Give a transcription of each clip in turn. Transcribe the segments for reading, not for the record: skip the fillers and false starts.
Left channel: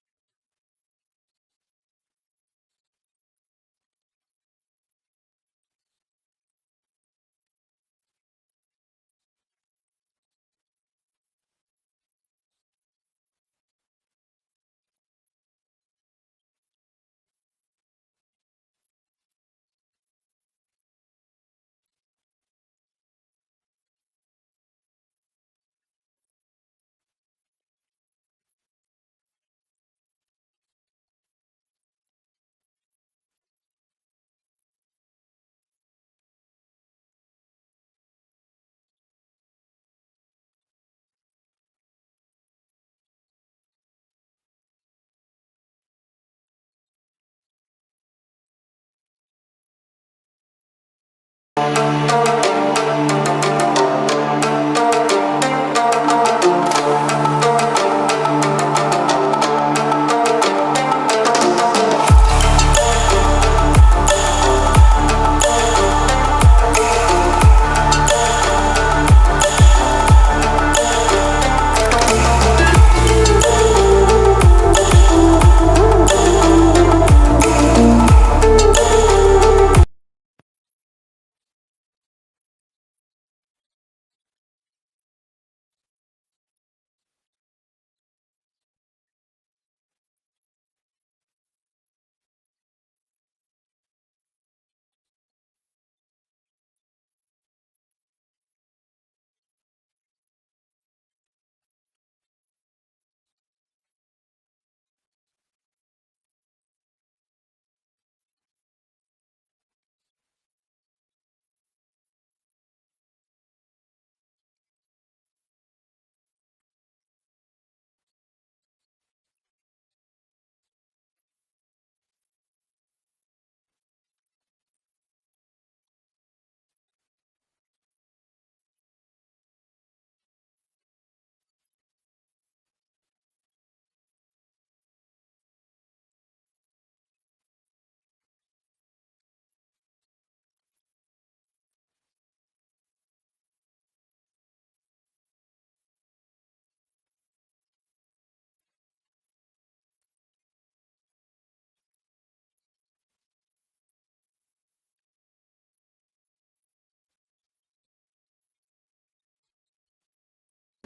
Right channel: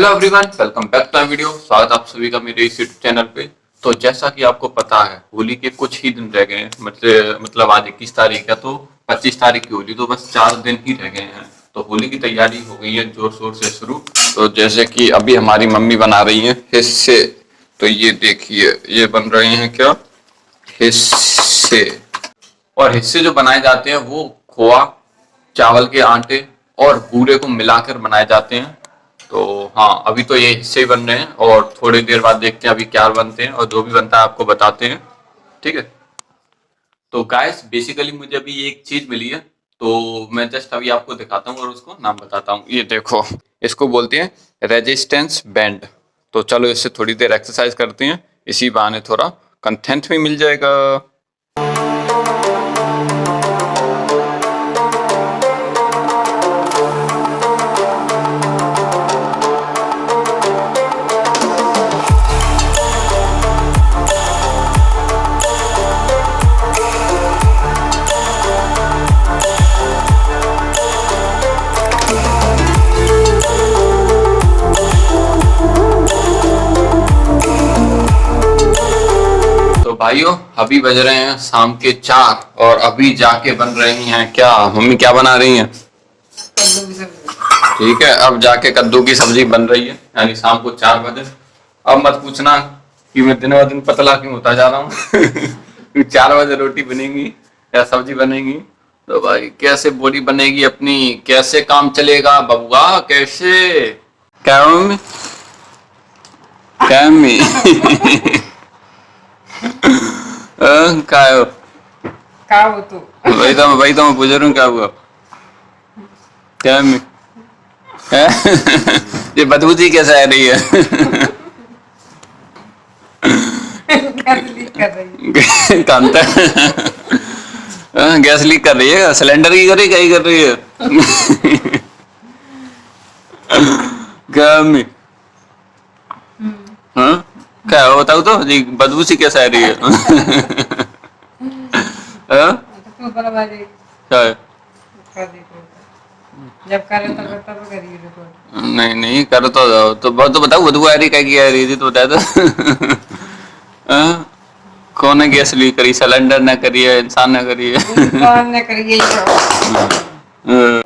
Hello everyone, welcome back to my video. स्वागत आप सभी का मेरे इस यूट्यूब चैनल पे। तो जैसा कि आपको पता है, होली के कुछ ही दिन रह गए हैं। मतलब आज 21 तारीख है, तो 25 तारीख की होली, तो बस 4 दिन ही रह गए हैं। तो होली की तैयारी हो गई है जोर शोर से शुरू। तो जैसे कि अभी हमारी मम्मी बना रही है हिस्से। तो ये देखिए, ये बन रहे हैं क्या, हिस्से। और हिस्से जो बनाए जाते हैं वो खोआ, चावल के आटे और बूरे को मिलाकर बनाए जाते हैं। तो हाँ, अभी तो ये हिस्से ही बन रहे हैं और थोड़ी देर बाद देखते हैं अभी क्या बनते हैं, और जो भी बनता है आपको बताते हैं, ठीक है। तो गाइस बेसिकली मुझे अभी एक चीज मिली है, तो मैं जस्ट अभी आपको दिखाता हूँ और उसको नाम बताता हूँ। ये देखो, इसको बोलते हैं रेजिस्टेंस बैंड। तो चलो इससे थोड़ी देर एक्सरसाइज करते हैं, इसी बहाने थोड़ा कंटेंट भी मिल जाएगा। भाइयों अभी बज रहे हैं शाम के 4 और अभी जाके बन रही हैं क्या, मम्मी क्या बना रही हैं? कद्दू की सब्जी। ठीक है, अब जाके कद्दू की सब्जी बन रही है, यानी शाम को 4 बजे। अब मत पूछना कि मैं दिन ब दिन पतला क्यों होता जा रहा हूँ 4 बजे रोटी बनेगी या सब्जी बनेगी, तो भाई कैसे बॉडी बनेगी अपनी, कैसे काम चलेगा बबुआ, कैसे? क्या मम्मी, क्या मम्मी क्या हो? का हो तू? वही तो मैं पूछ रहा हूँ क्या हुआ, क्या मम्मी? ये बदबू जी कैसे आ रही है? गैस लीक कर रही है। कांता गैस लीक कर रही है, सिलेंडर की कर रही, क्या ही कर रही है? क्या मम्मी? हाँ क्या हो, बताओ तो जी, बदबू सी कैसे आ रही है? हाँ? तू बना दे। क्या है? कर दे तो। जब करे तब करिए रिकॉर्ड। नहीं कर तो जाओ, तो बहुत तो बताओ, बदबू आ रही क्या की आ रही थी तो बता दो। हाँ? कौन ने गैस लीक करी, सिलेंडर ने करी है, इंसान ने करी है? इंसान ने करिए। हाँ।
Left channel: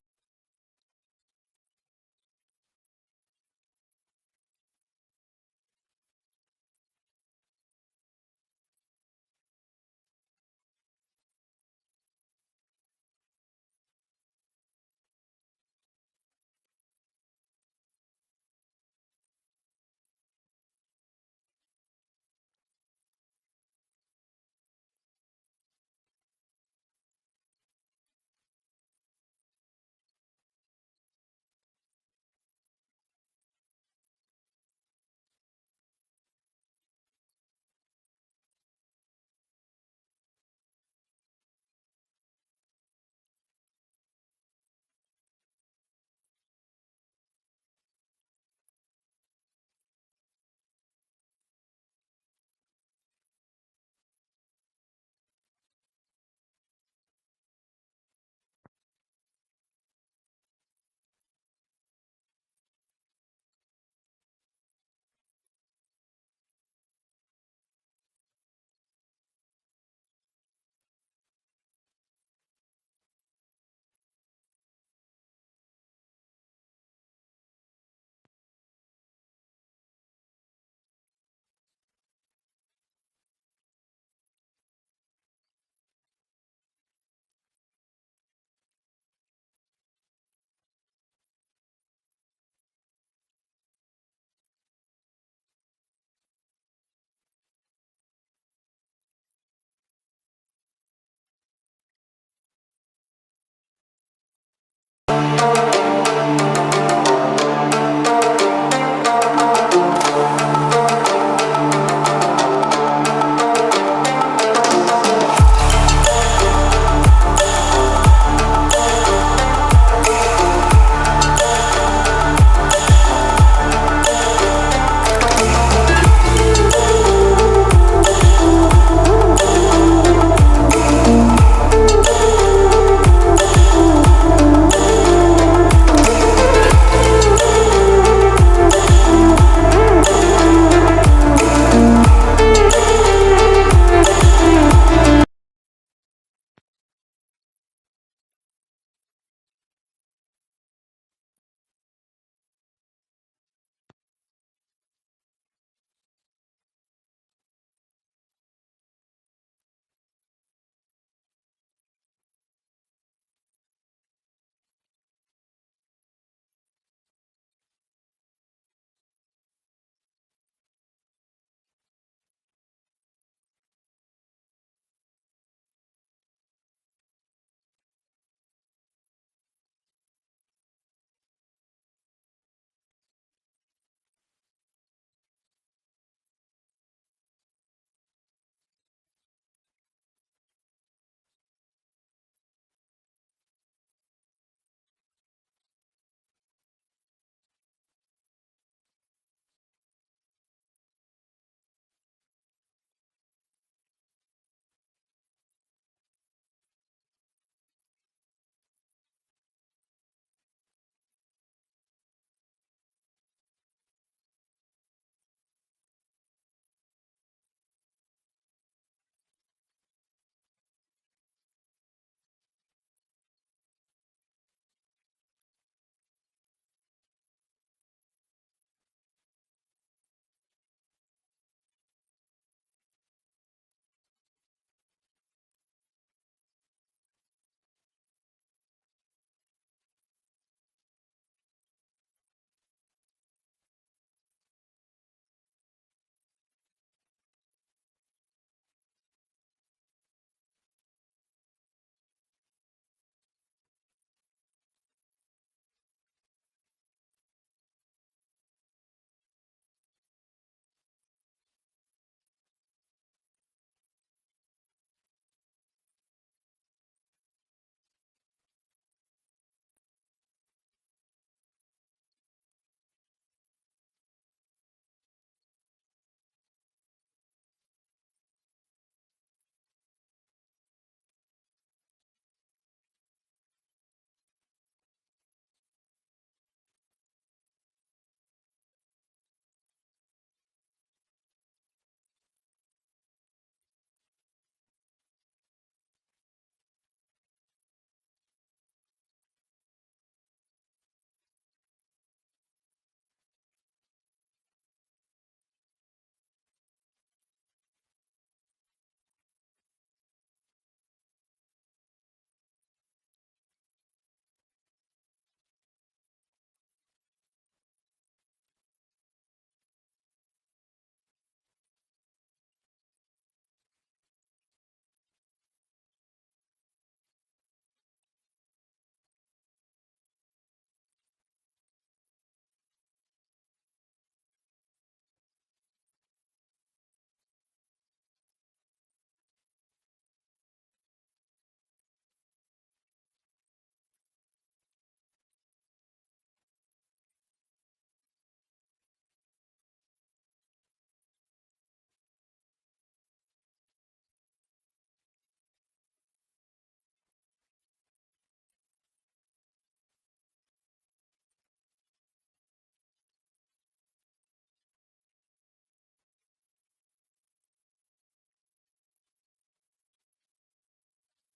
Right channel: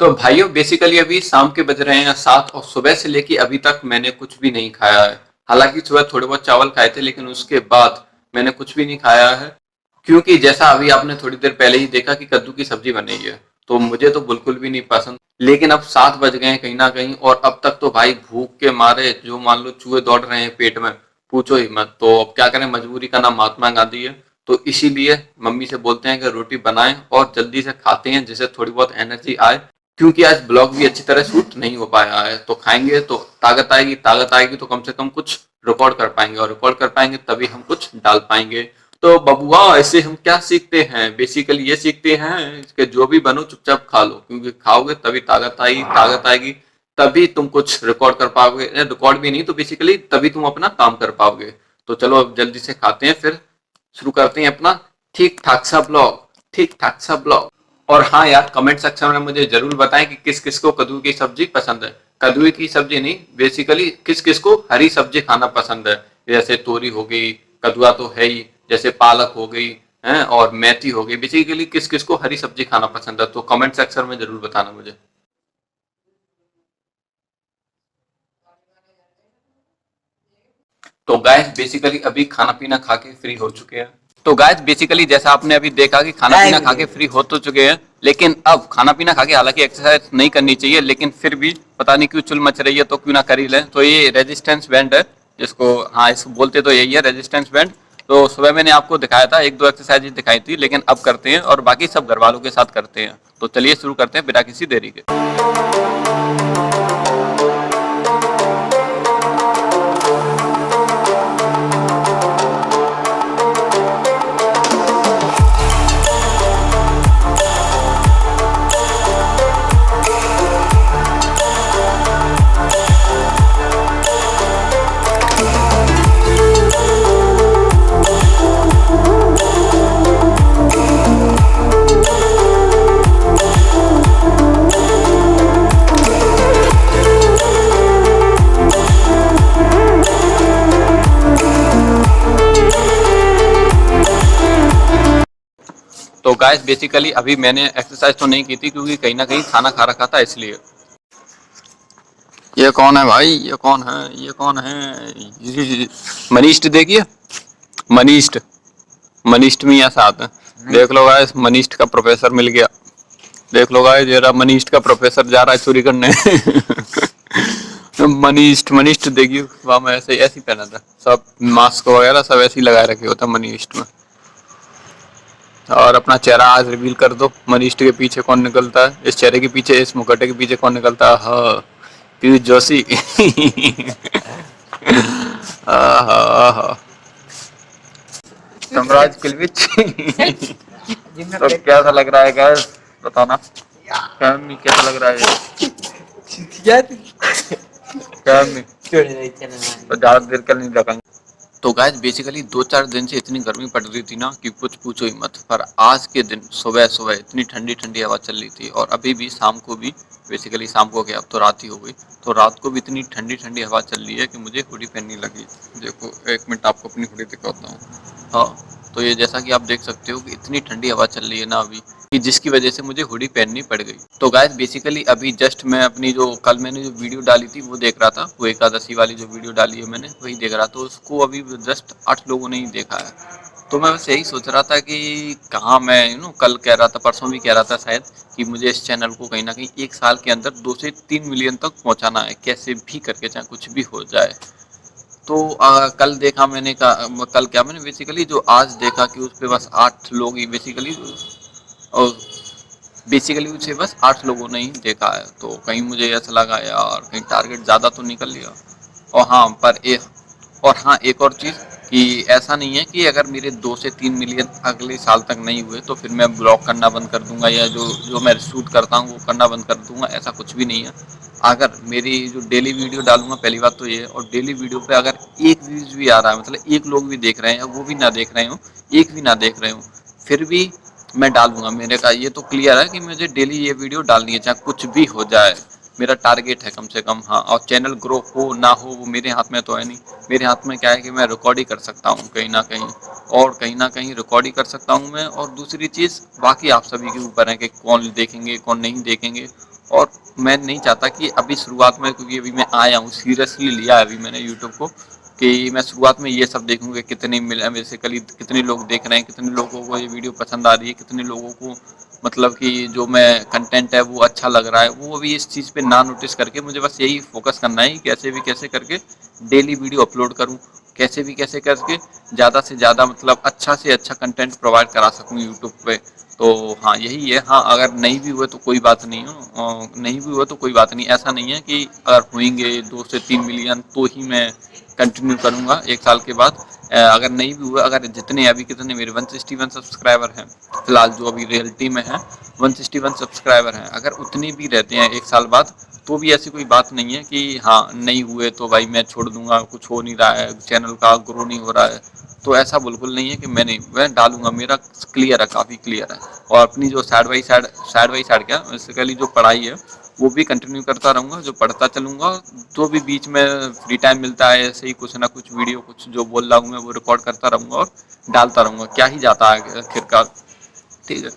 तो भाइयों बेसिकली अभी शाम के बज रहे हैं 7 और सुबह से लेके अभी तक मैंने कुछ भी नहीं खाया है। हालांकि सुबह थोड़े बहुत चावल खाए थे, लेकिन उसके बाद मैंने कुछ भी नहीं खाया है, क्योंकि जैसा अभी आपने थोड़ी देर पहले ही देखा कि कद्दू की सब्जी बनी है, तो मुझे तो बिल्कुल भी नहीं पसंद। लेकिन अब 7 बज गए हैं कहीं ना कहीं, और अब तक तो भाई भूख के मारे जो मान लो चूहे दौड़ रहे हैं पेट में, पूछो ही मत। तो अब क्या करें, मजबूरी का नाम महात्मा गांधी है। तो इसीलिए मम्मी से बोलते हैं कि रोटी बनाएं और जल्दी से खाते हैं, जिससे थोड़ी बहुत एनर्जी आए, क्योंकि आज ब्लॉग भी अच्छी तरह शूट नहीं हो पाया है। तो खाएंगे तो ताकत आएगी, ताकत आएगी तो कम से कम कुछ रिकॉर्ड कर पाएंगे, और रिकॉर्ड कर पाएंगे तभी हम कुछ डाल पाएंगे। तो बबुआ ऐसे हम क्या सीखते हैं, बेसिकली ये सीखते हैं कि जो भी बनो चुपचाप खा लो, क्योंकि खाओगे तभी ताकत आएगी, ताकत आएगी तभी तुम कुछ रिकॉर्ड कर पाओगे, रिकॉर्ड भी नहीं तो बेसिकली तभी तुम अपना काम कर पाओगे। तो चलो अब जल्दी से खाते हैं, फिर शुरू करते हैं अपना ठीक ठाक सा ब्लॉग, ठीक ठाक सा ब्लॉग। और हाँ यार, कमेंट सेक्शन में मुझे जरूर बताएं कि किस किस को कद्दू की सब्जी पसंद है। कद्दू की सब्जी नहीं, बेसिकली किस किस को हरी सब्जी खाना पसंद है, जैसे तोरी हो गई, कद्दुआ तो है ही, जैसे पालक हो गई है, और मेथी हो गई। बेसिकली किस किस को हरी सब्जी खाना पसंद है, तो कमेंट सेक्शन में जरूर बताना मुझे। तो गाइस बेसिकली अभी खाना पीना खा के फ्री हो चुके हैं। तो गाइस बेसिकली जैसा आपने अभी देखा कि खाना पीना खा के फ्री हो तो चुके हैं, लेकिन अब खाना पीना खा के हालांकि एक्सरसाइज नहीं करनी चाहिए, लेकिन फिर भी पता नहीं क्यों चुल मच रही है, तो क्यों ना कर ही लें। तो ये रेजिस्टेंस बैंड है, जिसको हाँ इसको बोलते तो यही है, रेजिस्टेंस बैंड। तो सुबह मैंने आपको दिखाया था, 1-2 एक्सरसाइज दिखाई थी, लेकिन अब करते हैं और बाकी सब घर वालों के साथ करते हैं। तो चलिए शुरू करते हैं बिना किसी देरी के। गाइस बेसिकली अभी मैंने एक्सरसाइज तो नहीं की थी क्योंकि कहीं ना कहीं खाना खा रखा था इसलिए। ये कौन है भाई, ये कौन है, ये कौन है? मनीष्ट देखिए, मनीष्ट, मनीष्ट में यहाँ साथ है। देख लो गाइस, मनीष्ट का प्रोफेसर मिल गया। देख लो गाइस, जरा मनीष्ट का प्रोफेसर जा रहा है चोरी करने। मनीष्ट, मनीष्ट देखिए वहाँ में ऐसे ऐसी पहना था, सब मास्क वगैरह सब ऐसे ही लगाए रखे होता मनीष्ट में। और अपना चेहरा आज रिवील कर दो, मनीष्ट के पीछे कौन निकलता है, इस चेहरे के पीछे, इस मुखटे के पीछे कौन निकलता है? हाँ, पीयूष जोशी। आहा, सम्राज किलविच। तो कैसा लग रहा है गाइस, बताना कैसा लग रहा है? तो ज्यादा देर कर नहीं रखेंगे। तो गाइस बेसिकली 2-4 दिन से इतनी गर्मी पड़ रही थी ना कि कुछ पूछो ही मत। पर आज के दिन सुबह सुबह इतनी ठंडी ठंडी हवा चल रही थी, और अभी भी शाम को भी, बेसिकली शाम को क्या, अब तो रात ही हो गई, तो रात को भी इतनी ठंडी ठंडी हवा चल रही है कि मुझे हुडी पहननी लगी। देखो एक मिनट आपको अपनी हुडी दिखाता हूँ। हाँ, तो ये जैसा कि आप देख सकते हो कि इतनी ठंडी हवा चल रही है ना अभी, कि जिसकी वजह से मुझे हुडी पहननी पड़ गई। तो गाइस बेसिकली अभी जस्ट मैं अपनी जो कल मैंने जो वीडियो डाली थी वो देख रहा था, वो एकादशी वाली जो वीडियो डाली है मैंने वही देख रहा था। उसको अभी जस्ट 8 लोगों ने ही देखा है। तो मैं बस यही सोच रहा था कि कहाँ मैं कल कह रहा था, परसों भी कह रहा था शायद, कि मुझे इस चैनल को कहीं ना कहीं 1 साल के अंदर 2 से 3 मिलियन तक पहुंचाना है, कैसे भी करके, चाहे कुछ भी हो जाए। तो कल देखा मैंने कल क्या मैंने बेसिकली जो आज देखा कि उस पे बस 8 लोग ही बेसिकली, और बेसिकली उसे बस 8 लोगों ने ही देखा है। तो कहीं मुझे ऐसा लगा यार कहीं टारगेट ज़्यादा तो निकल लिया। और हाँ एक और चीज़, कि ऐसा नहीं है कि अगर मेरे 2 से 3 मिलियन अगले साल तक नहीं हुए तो फिर मैं ब्लॉग करना बंद कर दूंगा, या जो जो मैं शूट करता हूँ वो करना बंद कर दूंगा, ऐसा कुछ भी नहीं है। अगर मेरी जो डेली वीडियो डालूंगा, पहली बात तो ये है, और डेली वीडियो पे अगर एक व्यूज भी आ रहा है, मतलब एक लोग भी देख रहे हैं, वो भी ना देख रहे हो, एक भी ना देख रहे हो, फिर भी मैं डालूंगा। मेरे का ये तो क्लियर है कि मुझे डेली ये वीडियो डालनी है, चाहे कुछ भी हो जाए। मेरा टारगेट है कम से कम। हाँ, और चैनल ग्रो हो ना हो वो मेरे हाथ में तो है नहीं। मेरे हाथ में क्या है कि मैं रिकॉर्ड ही कर सकता हूँ कहीं ना कहीं, और कहीं ना कहीं रिकॉर्ड ही कर सकता हूँ मैं। और दूसरी चीज़, बाकी आप सभी के ऊपर है कि कौन देखेंगे कौन नहीं देखेंगे। और मैं नहीं चाहता कि अभी शुरुआत में, क्योंकि अभी मैं आया हूँ, सीरियसली लिया है अभी मैंने यूट्यूब को, कि मैं शुरुआत में ये सब देखूंगा कितने मिले, बेसिकली कितने लोग देख रहे हैं, कितने लोगों को ये वीडियो पसंद आ रही है, कितने लोगों को मतलब कि जो मैं कंटेंट है वो अच्छा लग रहा है। वो अभी इस चीज़ पे ना नोटिस करके मुझे बस यही फोकस करना है कि कैसे भी कैसे करके डेली वीडियो अपलोड करूं, कैसे भी कैसे करके ज़्यादा से ज़्यादा मतलब अच्छा से अच्छा कंटेंट प्रोवाइड करा सकूं यूट्यूब पे। तो हाँ यही है। हाँ, अगर नहीं भी हुए तो कोई बात नहीं हो, नहीं भी हुआ तो कोई बात नहीं। ऐसा नहीं है कि अगर होंगे 2 से 3 मिलियन तो ही मैं कंटिन्यू करूँगा 1 साल के बाद। अगर नहीं भी हुआ, अगर जितने अभी कितने मेरे 161 सब्सक्राइबर हैं फिलहाल, जो अभी रियलिटी में है 161 सब्सक्राइबर हैं, अगर उतने भी रहते हैं 1 साल बाद, तो भी ऐसी कोई बात नहीं है कि हाँ नहीं हुए तो भाई मैं छोड़ दूंगा, कुछ हो नहीं रहा है, चैनल का ग्रो नहीं हो रहा है। तो ऐसा बिल्कुल नहीं है कि मैं डालूंगा। मेरा क्लियर है, काफ़ी क्लियर है। और अपनी जो साइड बाई साइड क्या बेसिकली जो पढ़ाई है वो भी कंटिन्यू करता रहूँगा, जो पढ़ता चलूँगा। जो भी बीच में फ्री टाइम मिलता है ऐसे ही कुछ ना कुछ वीडियो, कुछ जो बोल रहा हूँ मैं वो रिकॉर्ड करता रहूँगा और डालता रहूँगा। क्या ही जाता है आखिरकार, ठीक है।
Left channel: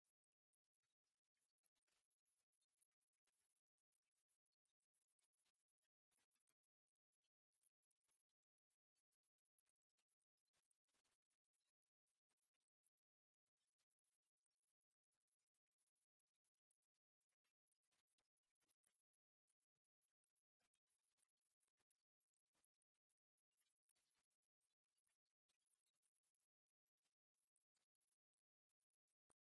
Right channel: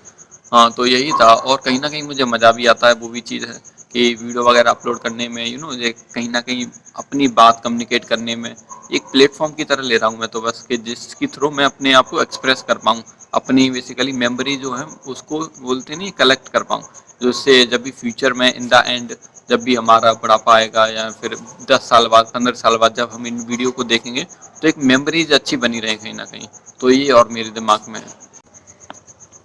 हाँ, तो यही था। और कहीं न कहीं मुझे मज़ा भी आता है, वो भी चीज़ है कि वीडियो वगैरह अपलोड करने में, ये कहीं न कहीं अपनी बात कम्युनिकेट करने में एक प्लेटफ़ॉर्म की तरह ले रहा हूँ मैं तो बस, कि जिसके थ्रू मैं अपने आप को एक्सप्रेस कर पाऊँ। अपनी बेसिकली मेमोरी जो है उसको बोलते नहीं, कलेक्ट कर पाऊँ। जिससे जब भी फ्यूचर में इन द एंड, जब भी हमारा बुढ़ापा आएगा या फिर 10 साल बाद, 15 साल बाद जब हम इन वीडियो को देखेंगे तो एक मेमोरीज़ अच्छी बनी रहे कहीं न कहीं। तो ये और मेरे दिमाग में है।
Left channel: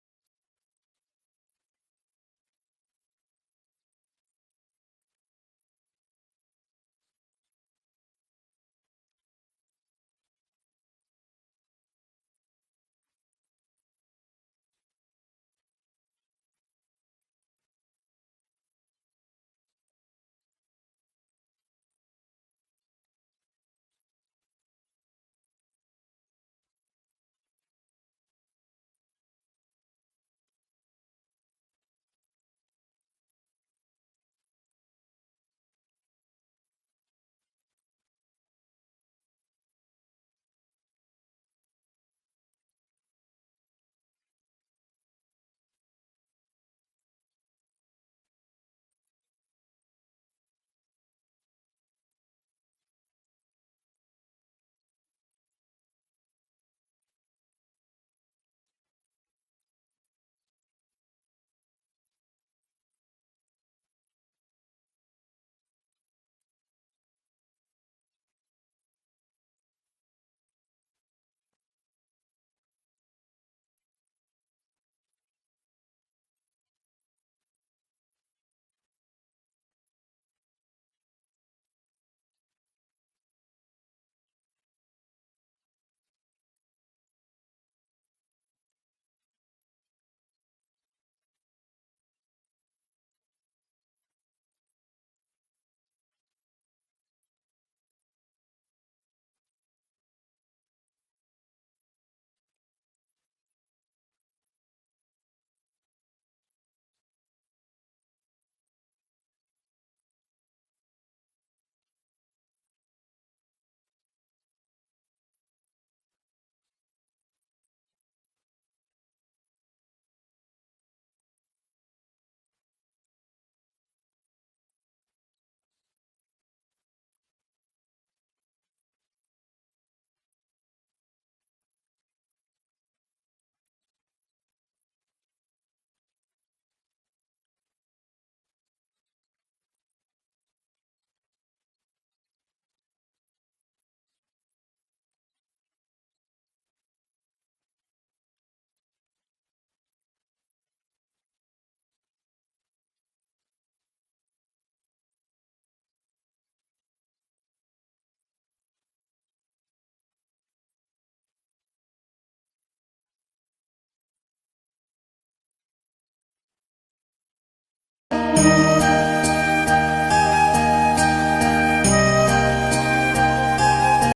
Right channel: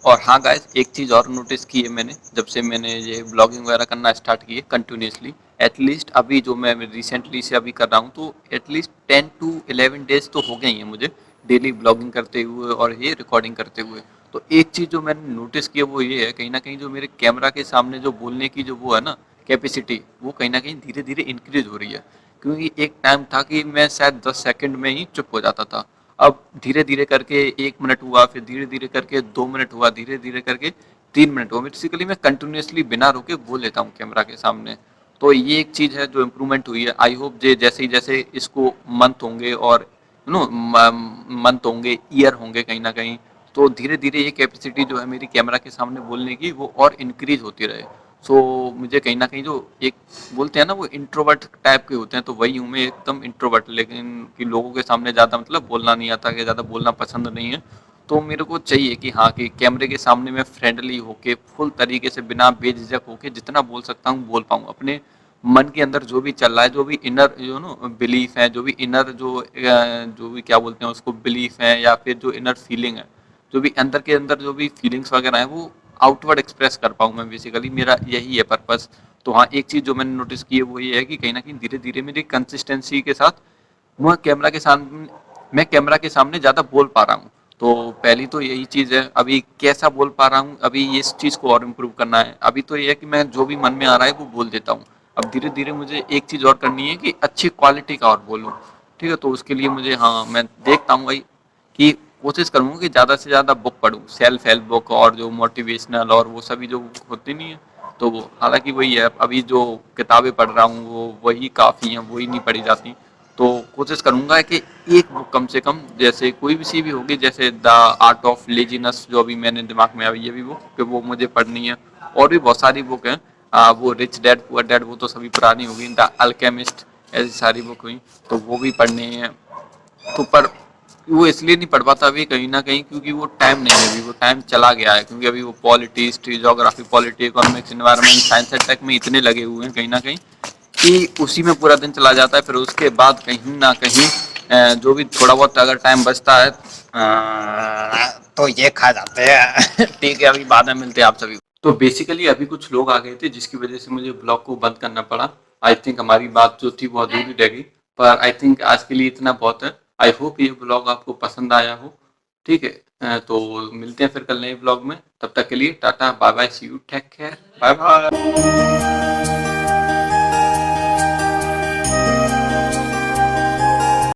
और हाँ गाइस, एक चीज़ और नोटिस की है मैंने, जब से मैंने ये ब्लॉगिंग वगैरह करना स्टार्ट की है कंटिन्यूसली, एटलीस्ट अभी जो मैं रिसेंटली से अभी कर रहा हूँ, तो एटलीस्ट 10 to 11 डेज तो हो गए हैं मुझे डेली ब्लॉगिंग करते हुए और ये रिकॉर्डिंग करते हुए। तो एक चीज़ जो मैंने नोटिस की है वो ये है, कहीं ना कहीं जो मेरे कैमरा के सामने जो बोलने की जो वो है ना कैपेसिटी, वो कहीं ना कहीं धीरे धीरे इंक्रीज हो रही है। क्योंकि एक टाइम था कि मैं शायद 10 सेकंड में ही चुप हो जाता था। अब धीरे धीरे करके 1 मिनट हुआ, फिर धीरे धीरे करके 2 मिनट हुआ, धीरे धीरे करके 3 मिनट हुआ। बेसिकली मैं कंटिन्यूसली बिना रुके बोल लेता हूँ कैमरा के सामने। तो ये एक चीज़ है जो इम्प्रूवमेंट हुई है। आई होप जे जैसे ही जैसे इसको मंथ होंगे और मंथ होंगे, ईयर होंगे कहीं ना कहीं, तो धीरे धीरे ये कैपेसिटी जो है मेरी कैमरा के सामने बोलने की वो और इंक्रीज होती रहे। सो मुझे कहीं ना कहीं जो एक बोलते हैं ना वो इंट्रोवर्ट टाइप के होते हैं, तो वही हूँ मैं, एकदम इंट्रोवर्ट, लेकिन कि लोगों के सामने ज़्यादा मतलब बोलना नहीं आता, कि ज़्यादा बोलना पसंद नहीं है। तो मेरे को चाहिए कि हाँ, कि कैमरे के सामने मैं फ्रेंडली होके फुल तरीके से बिना बेझिझक होके जितना बोल सकता हूँ बोल पाऊँ, अपने मन के अंदर जो भी चल रहा है, जो भी इनर जो नो बिलीफ है, जो भी इनर जो भी क्या बोलते हैं उसको बिलीफ है, या फिर जो इनर फीलिंग है, जो भी अंदर के अंदर जो भी फीलिंग्स वगैरह है वो आउटवर्ड एक्सप्रेस कर पाऊँ मैं, बेसिकली मेरा यही है पर्पस। तो हाँ, एक चीज़ जो मैंने नोटिस की है वो ये है कि कहीं ना कहीं धीरे धीरे मेरी कंसिस्टेंसी के साथ मैं कैमरा के सामने ज़्यादा बोल पा रहा हूँ। तो पहली तो यही चीज़ है, अभी कैसा बोल पा रहा हूँ, अभी इस चीज़ को और इम्प्रूव करना है। अभी तो ये है कि मैं जो भी मन में आ रहा है वो बोल देता हूँ। अब धीरे धीरे मुझे एक चीज़ और करनी है कि अच्छी क्वालिटी का और बोलूँ। ठीक है, तो उसके लिए मुझे, हाँ, मैं देखता हूँ भाई कि कोशिश करूँगा कि ज़्यादा से ज़्यादा बुक पढूँ, सेल्फ हेल्प बुक और जो मोटिवेशनल और वो सभी जो होती नहीं है, तो वो हालाँकि वही है, अभी जो किताबें पढ़ रहा हूँ वो वही काफ़ी हैं, वही नहीं पढ़ी जाती। तो कोशिश करूँगा कि एक बुक कम से कम, जैसे कोई भी सी भी होगी, जैसे द आर्ट ऑफ लेज़ीनेस जो अभी मेरे दिमाग में आई है अभी बुक, कि वो मुझे पढ़नी है। और भी बहुत सारी बुक हैं, वो रिच डैड पुअर डैड वो तो सभी पुरानी हो गई, द अल्केमिस्ट, ऐसी सारी बुक हुई, तो वो भी पढ़नी है। तो पर वो इसलिए नहीं पढ़ पाता अभी कहीं ना कहीं, क्योंकि वो टाइम नहीं है, अभी वो टाइम चला गया है, क्योंकि अभी वो polity, history, geography, polity, economics, environment, science and tech में इतने लगे हुए हैं कहीं ना कहीं, कि उसी में पूरा दिन चला जाता है। फिर उसके बाद कहीं ना कहीं जो भी थोड़ा बहुत अगर टाइम बचता है तो ये खा जाते हैं। ठीक है, अभी बाद में मिलते हैं आप सभी को। तो बेसिकली अभी कुछ लोग आ गए थे जिसकी वजह से मुझे ब्लॉग को बंद करना पड़ा। आई थिंक हमारी बात जो थी वो अधूरी रह गई, पर आई थिंक आज के लिए इतना बहुत है। आई होप ये ब्लॉग आपको पसंद आया हो। ठीक है, तो मिलते हैं फिर कल नए ब्लॉग में। तब तक के लिए tata bye bye, see you, take care, bye bye.